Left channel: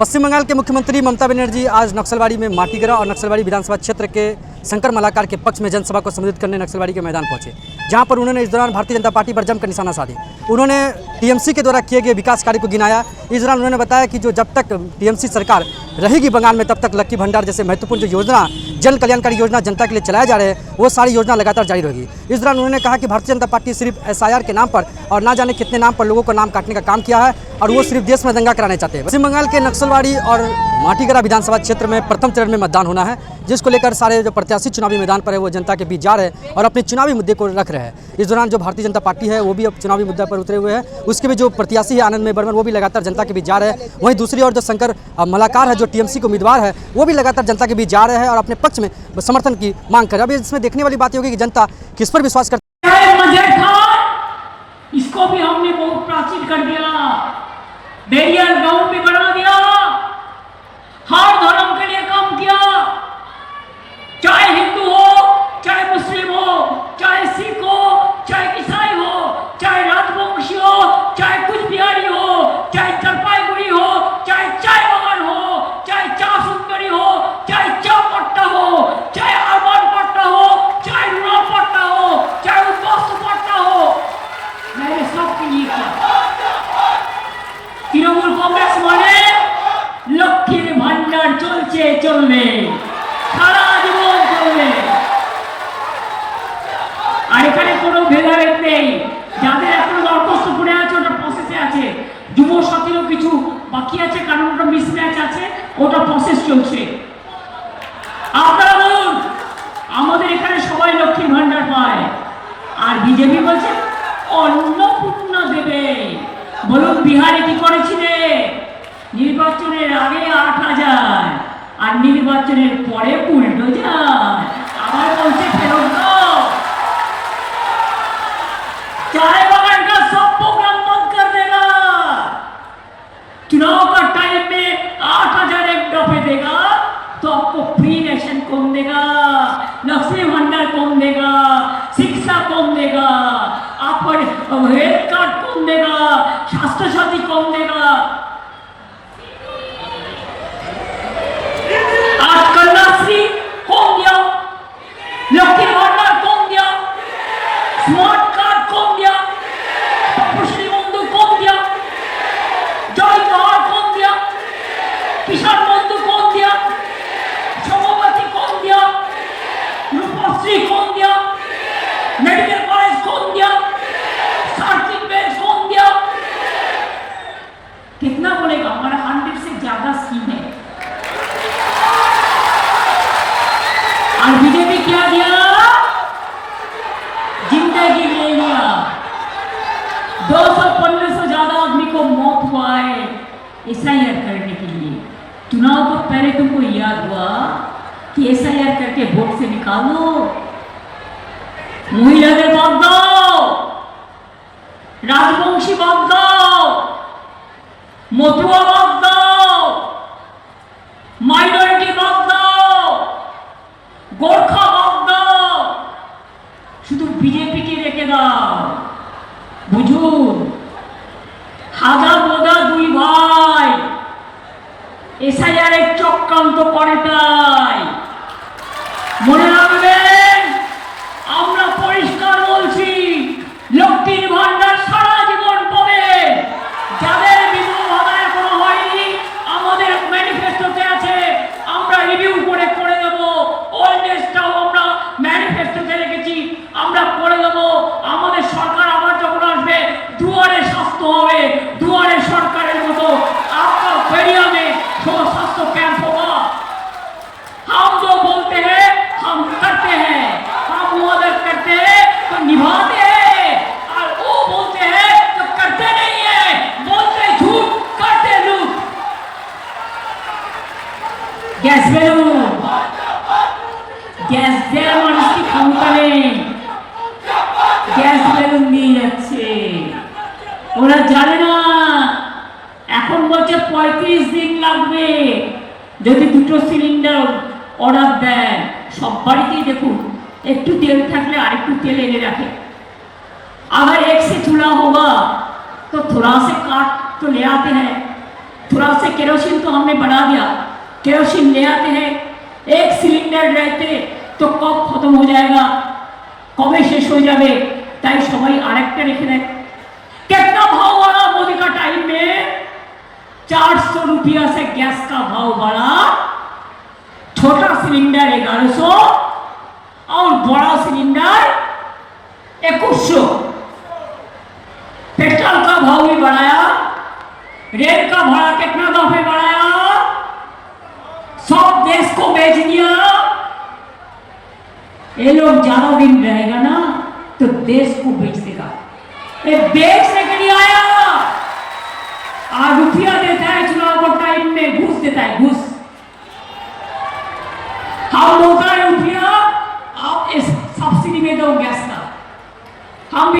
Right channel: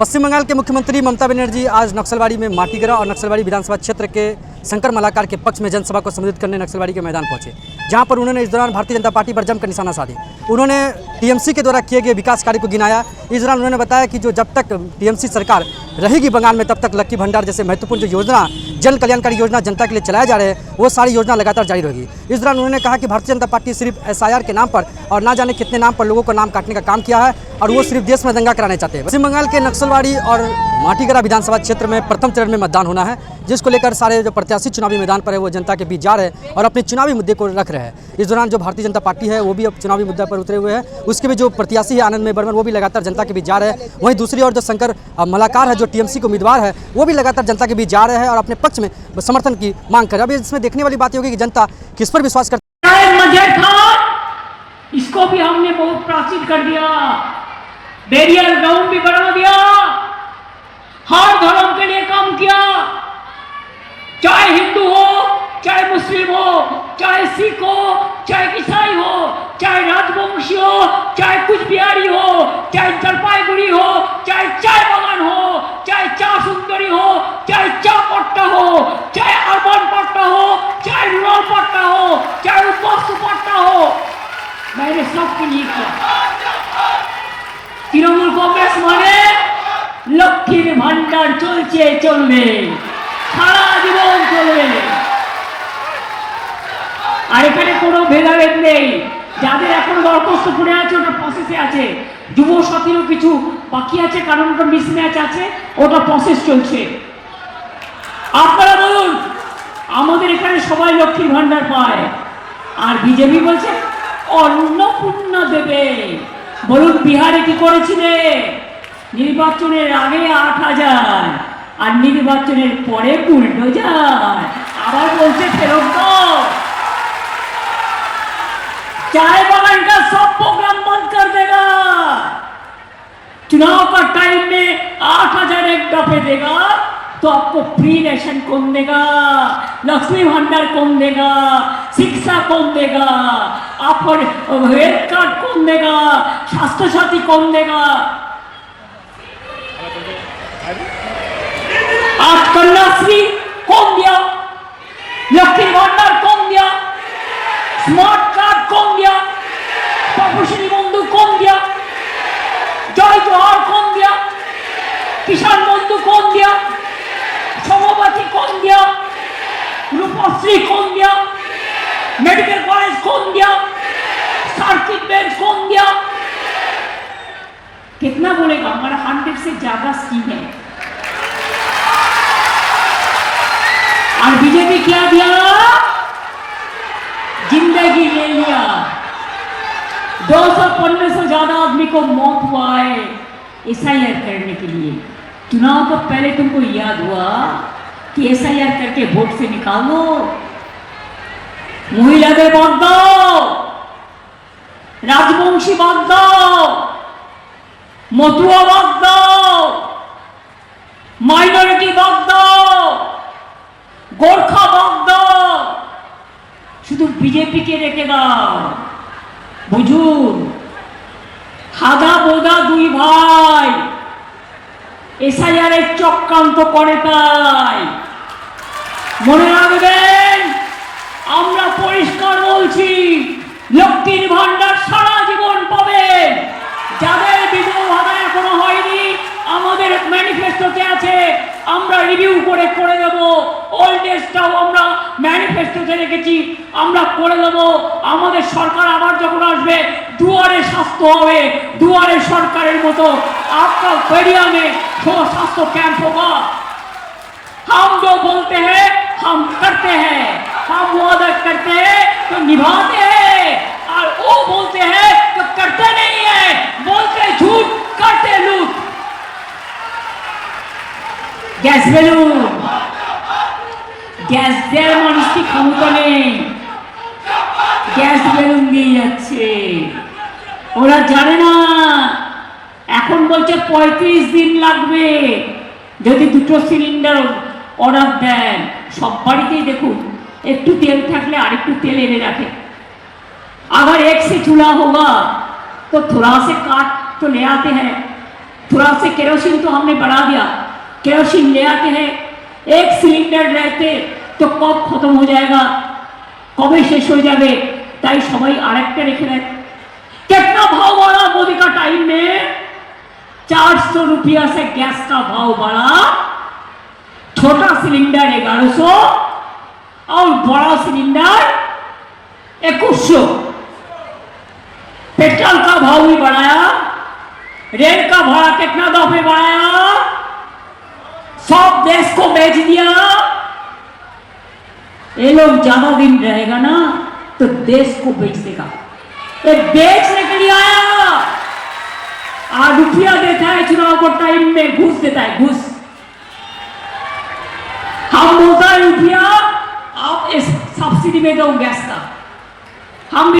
पश्चिम बंगाल के मुख्यमंत्री ममता बनर्जी आज नक्सलबाड़ी में माटीगरा और नक्सलबाड़ी विधानसभा क्षेत्र के शंकर मलाकार के पक्ष में जनसभा को संबोधित करने नक्सलबाड़ी के मैदान पहुंचे, जहां पर उन्होंने इस दौरान भारतीय जनता पार्टी पर जमकर निशाना साधे। उन्होंने टीएमसी के द्वारा किए गए विकास कार्य को गिनाया। इस दौरान उन्होंने बताया कि जो जब तक टीएमसी सरकार रहेगी बंगाल में, तब तक लक्की भंडार जैसे महत्वपूर्ण जो योजना, जन कल्याणकारी योजना जनता के लिए चलाए जा रहे हैं, वो सारी योजना लगातार जारी रहेगी। इस दौरान उन्होंने कहा कि भारतीय जनता पार्टी सिर्फ SIR के नाम पर और ना जाने कितने नाम पर लोगों को नाम काटने का काम किया है, और वो सिर्फ देश में दंगा कराने चाहते हैं। पश्चिम बंगाल के नक्सलबाड़ी और माटीगरा विधानसभा क्षेत्र में प्रथम चरण में मतदान होना है, जिसको लेकर सारे जो प्रत्याशी चुनावी मैदान पर है वो जनता के बीच जा रहे हैं और अपने चुनावी मुद्दे को रख रहे हैं। इस दौरान जो भारतीय जनता पार्टी है वो भी अब चुनावी मुद्दे पर उतरे हुए हैं। उसके भी जो प्रत्याशी है आनंद बर्मन, वो भी लगातार जनता के बीच जा रहे हैं। वहीं दूसरी ओर जो शंकर मलाकार है, जो टीएमसी के उम्मीदवार है, वो भी लगातार जनता के बीच जा रहे हैं और अपने पक्ष में समर्थन की मांग कर रहे हैं। अब इसमें देखने वाली बात होगी कि जनता किस पर विश्वास करती है। इसको भी हमने बहुत प्राचीन कर दिया, बैरियर ग्राउंड भी बना दिया, हर धर्म के लिए काम किया, चाहे हिंदू हो, चाहे मुस्लिम हो, चाहे सिख हो, चाहे ईसाई हो, चाहे राजवंशी हो, चाहे कुछ बिहारी हो, चाहे जलपाईगुड़ी हो, चाहे चाय बागान हो, चाहे चा सुंदरी हो, चाहे चा पट्टा हो, चाहे अर्बन पट्टा हो, चाहे रूरल पट्टा हो, चाहे उपस्थ पट्टा हो, मैंने सबके लिए किया। तृणमूल कांग्रेस माने लक्ष्मीर भांडार चलছে চলবে, সারা জীবন চলবে। আর এখানে কোনো ভেদাভেদ নেই। যাদের এখন দরখাস্ত পড়ে আছে ওটা প্রসেসে আছে, যুব সাথীরও কিছু বাকি আছে, কারণ ওটা মিসম্যাচ আছে, ওটা প্রসেস চলছে। আপনারা বলুন, আমাদের এখানে সবাই লক্ষ্মীর ভান্ডার পায়, আর বিজেপি বলছে অন্নপূর্ণা দেবে। বলুন বিহারে কি করেছিলে? নির্বাচনের আগে 8,000 আর নির্বাচনের পরে বুলডোজার। আবার বলছে ফেরত দাও। चाय बागान का सब प्रोग्राम बंद कर देगा। चुनाव का टाइम में 8,000 एक दफे देगा तो आपको फ्री रेशन कौन देगा, लक्ष्मी भंडार कौन देगा, शिक्षा कौन देगा, आपको हेल्थ कार्ड कौन देगा, स्वास्थ्य साथी कौन देगा। आज कन्याश्री कौन दिया, लक्ष्मी भंडार कौन दिया, स्मार्ट कार्ड कौन दिया, तपस्वी बंधु कौन दिया, जय जोहार कौन दिया, किसान बंधु कौन दिया, समवती कौन दिया, रूपश्री कौन दिया, मेडिकल कॉलेज कौन दिया, सर्किट बेंच कौन दिया। कितना बोलेगा? हमारा 100 से ज्यादा स्कीम है। और बीजेपी क्या दिया? जिंदगी ले लिया। 215 से ज्यादा आदमी को मौत हुआ है SIR करने के लिए। चुनाव तो पहले तुमको याद हुआ कि SIR करके वोट से निकालो, महिलाদের বাদ দাও, রাজবংশী বাদ দাও, মতুয়া বাদ দাও, মাইনরিটি বাদ দাও, গোর্খা বাদ দাও, শুধু বিজেপিকে রেখে দাও। বুঝুন, হাদা বোদা দুই ভাই SIR এর চক্রান্ত করে, তাই মনে রাখবেন। আমরা পরিষ্কার বলছি, লক্ষ্মীর ভান্ডার সারা জীবন পাবে। যাদের বিধবার কোনো হয়নি, আমাদের ম্যানিফেস্টোতে আছে, আমরা রিভিউ করে দেব। ওল্ড এজটাও আমরা ম্যানিফেস্টোতে রেখেছি, আমরা করে দেব। আমাদের সরকার আবার যখন আসবে, দুয়ারে স্বাস্থ্য হবে, দুয়ারে সরকারের মতো आपका बेरिया में स्वास्थ्य कैंप होगा। हम जो बोलते हैं हम करते हैं, हम वादा करते हैं तो निभाते हैं, और वो बोलते हैं तो करते नहीं है, बोलते झूठ करते लूट। গ্যাস বেলুন, গ্যাস দেওয়ার মানুষটি ক্ষমতা নেই, গ্যাস বেলুন দিয়ে যাচ্ছে। ওরা জানে না, এখন বলছে 35 দিন লাগবে যদি দুটো সিলিন্ডার অর্ডার দেন। সব বাড়িতেই দেখুন, একটু তেল থাকলে আরেকটু তেल এনে রাখে। अगर एक से चूल्हा होगा तो थोड़ा से काट तो ले आते हैं, थोड़ा से केरोसिन तो हमने बढ़ा दिया, केरोसिन ले आते हैं, एक सिलेंडर रहते तो कब खत्म हो जाएगा, कबे शेष हो जाए, ताई सबाई आरेकटा रेखे देय। कितना भाव बढ़ा मोदी का टाइम में, 400 रुपया से गैस का भाव बढ़ा, छोटा सिलेंडर 1100 और बड़ा सिलेंडर 2100। पेट्रोल का भाव भी बढ़ाया, रेल का भाड़ा कितना दाम पे बढ़ाया, सब देश को बेच दिया। ये लोग ज्यादा दिन रहेगा ना तो देश को बेच देगा, ये बेचने के लिए आया। आज रुपया देता है चुनाव को टाइम में, घूस देता है, घूस। हम बोलता है रुपया आप इस सब्सिडी में दो गैस